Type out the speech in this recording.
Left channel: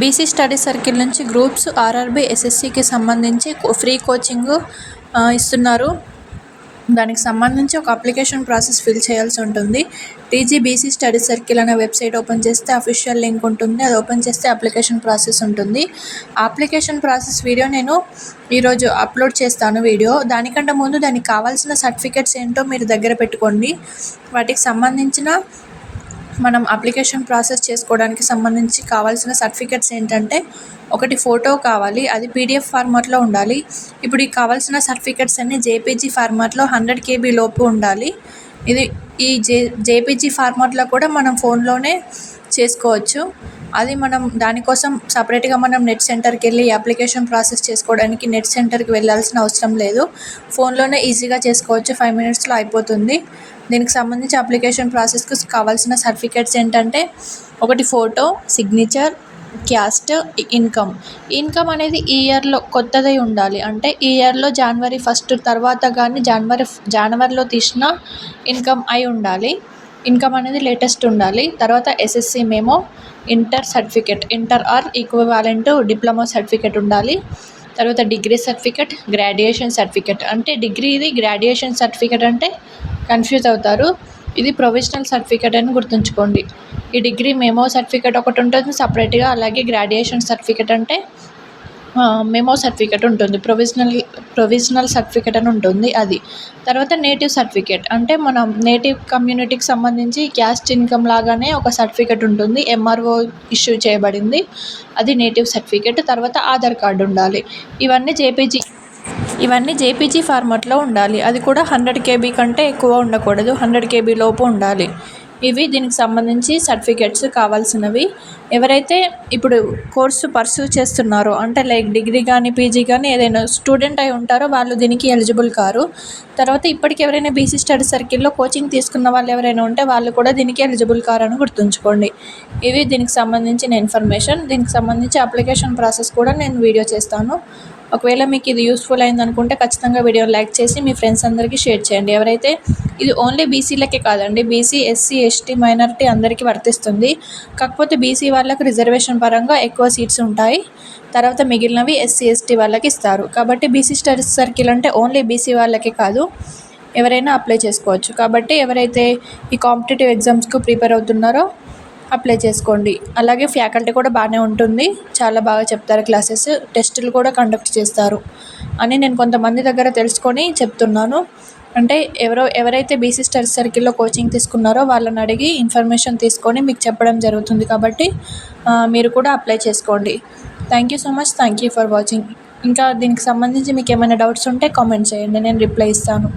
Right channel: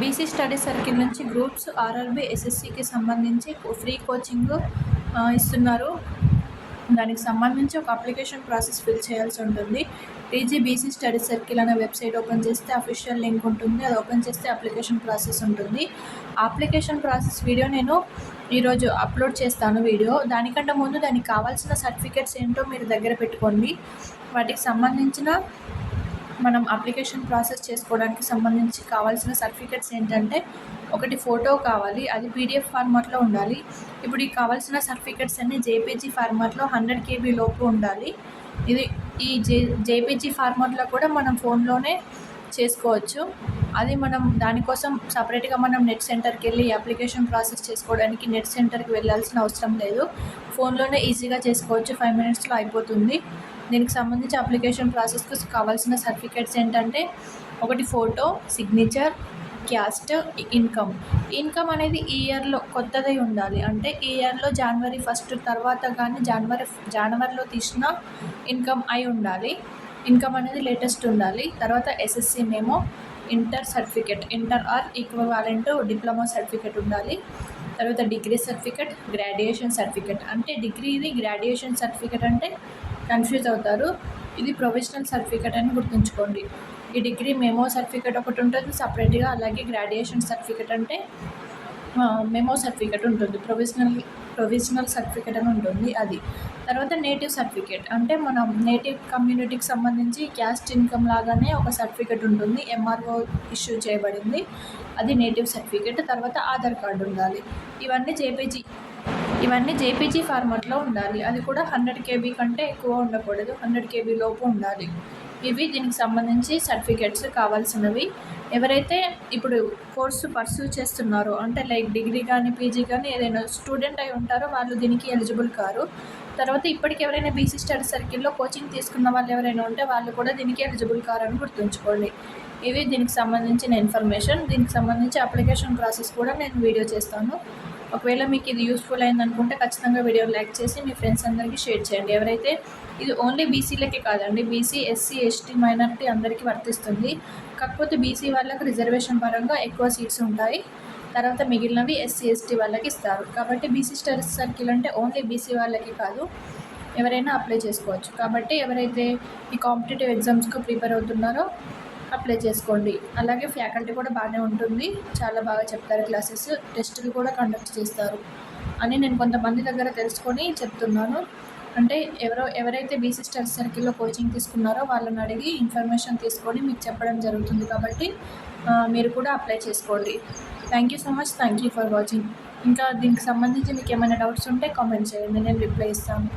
BC study circle నుంచి groups, RRB, ఎస్ఎస్సికి సంబంధించి free coaching ఇస్తున్నారు. దానికి సంబంధించి ఒక అప్లికేషన్ ప్రాసెస్ ఫిల్ చేయాల్సి ఉంటుంది. టీజీబీసీ స్టడీ సర్కిల్ అనే వెబ్సైట్ ఓపెన్ చేస్తే అఫీషియల్ లింక్ ఉంటుంది. అది ఓపెన్ చేస్తే అప్లికేషన్ ప్రాసెస్ ఉంటుంది. ఆ అప్లికేషన్ ప్రాసెస్ వీడియో నేను ఈరోజు అప్లోడ్ చేస్తాను వీడియో. దానికంటే ముందు దానికి కావాల్సిన సర్టిఫికెట్స్ ఏంటో మీరు దగ్గర పెట్టుకోండి. వాటికి సంబంధించిన మనం అప్లికేషన్ ప్రాసెస్ చేసుకోవడానికి సంబంధించి కావాల్సిన సర్టిఫికెట్స్ ఏంటంటే, ఒకటి ఫోటో కావాలి, అది పీడిఎఫ్ ఫార్మాట్లో ఉండాలి. ఇప్పుడు ఈ కావాల్సిన సర్టిఫికెట్స్ అన్నీ జేపీజీ ఫార్మాట్లో 100 KB లోపు ఉండాలి. ఈ జేపీజీ ఫార్మాట్లో కూడా మనం ఫోన్లోనే చేసుకోవచ్చు. అది మనం దానికోసం సపరేట్గా మనం నెట్ సెంటర్కి వెళ్ళి అప్లికేషన్ ప్రాసెస్ చేసుకోవడానికి నెట్ సెంటర్కి వెళ్ళాల్సిన అవసరం లేదు. ఫోన్లోనే ఈజీగా చేసుకోవచ్చు. 5 minutesలో అయిపోతుంది. దీనికి సంబంధించి అప్లికేషన్ ప్రాసెస్కి కావాల్సిన సర్టిఫికెట్స్ ఏంటంటే, ఒకటి ఫోటో, సిగ్నేచర్, క్యాస్ట్, ఇన్కమ్ అనేది ఈ ఇయర్లో కొత్తదై ఉండాలి. అంటే ఈ ఇయర్లో January 1 తర్వాత కానీ జనవరిలో తీసిన ఇన్కమ్ అయి ఉండాలి. ఇన్కమ్ అనేది లేటెస్ట్ ఉండాలి. తర్వాత SSC memo, inter certificate, inter or equivalent diploma certificate ఉండాలి. తర్వాత డిగ్రీ సర్టిఫికెట్, గ్రాడ్యుయేషన్ సర్టిఫికెట్. అంటే డిగ్రీది గ్రాడ్యుయేషన్ సర్టిఫికెట్ అంటే కన్ఫ్యూజ్ అవుతారు. ఇది ప్రొవిజనల్ సర్టిఫికెట్ అని గుర్తుంచుకోండి. ఈ డిగ్రీ మెమో సర్టిఫికెట్ ఒకటి ఉంటుంది సపరేట్గా. అలాగే గ్రాడ్యుయేషన్ సర్టిఫికెట్ అంటే మెమో సర్టిఫికెట్ ఉంటుంది. ప్రొవిజనల్ సర్టిఫికెట్ అని ఉంటుంది అది. తర్వాత నేటివ్ సర్టిఫికెట్ అంటే మనం నేటివ్ కమ్యూనిటీకి సంబంధించి క్యాస్ట్ ఇన్కమ్ లాగానే ఒక సర్టిఫికెట్ ఉంటుంది. ఎంఆర్ఓ ఇష్యూ చేయబడింది. అది నేటివ్ సర్టిఫికెట్. తర్వాత ఆధార్ కార్డు ఉండాలి. ఇవన్నీ జేపీజీ ఫార్మాట్లో ఉండాలి. అది కూడా 100 KB కంటే ఎక్కువ ఉండకూడదు. 100 KB లోపు ఉండాలి. ఇవి దీనికి సంబంధించి సర్టిఫికెట్స్ కావాల్సినవి. ఎవరైతే ఇప్పుడు కోర్సు పర్సూ చేస్తున్నారో, అంటే లైక్ డిగ్రీ కానీ పీజీ కానీ ఏదైనా స్టూడెంట్ అయి ఉంటారో వాళ్ళు దీనికి ఎలిజిబుల్ కారు. తర్వాత ఇప్పటికి ఎవరైనా బీసీ స్టడీ సర్కిల్లో కోచింగ్ తీసుకున్న వాళ్ళు ఎవరైనా ఉంటే వాళ్ళు కూడా దీనికి ఎలిజిబుల్ కారు అని గుర్తుంచుకోండి. ఇవి దీనికి సంబంధించిన ఇన్ఫర్మేషన్. దీనికి సంబంధించి అప్లికేషన్ ప్రాసెస్ కూడా నేను వీడియో చేస్తాను. ఒకవేళ మీకు ఇది యూస్ఫుల్ అయిందనుకుంటే ఖచ్చితంగా వీడియోని లైక్ చేసి మీ ఫ్రెండ్స్ అందరికీ షేర్ చేయండి. ఎవరైతే ఇది ఓన్లీ బీసీలకే కాదండి, బీసీ, ఎస్సీ, ఎస్టీ, మైనారిటీ అందరికీ వర్తిస్తుంది. కాకపోతే బీసీ వాళ్ళకు రిజర్వేషన్ పరంగా ఎక్కువ సీట్స్ ఉంటాయి. తర్వాత మిగిలినవి ఎస్సీ, ఎస్టీ వాళ్ళకి ఇస్తారు. కాబట్టి బీసీ స్టడీ సర్కిల్ అంటే ఓన్లీ బీసీ వాళ్ళకే కాదు, ఎవరైనా అప్లై చేసుకోవచ్చు. కాబట్టి ఎవరైతే ఈ కాంపిటేటివ్ ఎగ్జామ్స్కు ప్రిపేర్ అవుతున్నారో అప్లై చేసుకోండి. అలాగే ఫ్యాకల్టీ కూడా బాగానే ఉంటుంది. చాలా బాగా చెప్తారు క్లాసెస్. టెస్టులు కూడా కండక్ట్ చేస్తారు అని నేను కొంతమంది దగ్గర తెలుసుకొని చెప్తున్నాను. అంటే ఎవరైతే బీసీ స్టడీ సర్కిల్లో కోచింగ్ తీసుకున్నారో వాళ్ళని అడిగి ఇన్ఫర్మేషన్ తీసుకొని మీకు చెప్పడం జరుగుతుంది. కాబట్టి మీరు కూడా అప్లై చేసుకోండి. Thank you so much. Thank you for watching. ఇంకా దీనికి సంబంధించి మీకు ఏమైనా డౌట్స్ ఉంటే కామెంట్ చేయండి, నేను రిప్లై ఇస్తాను.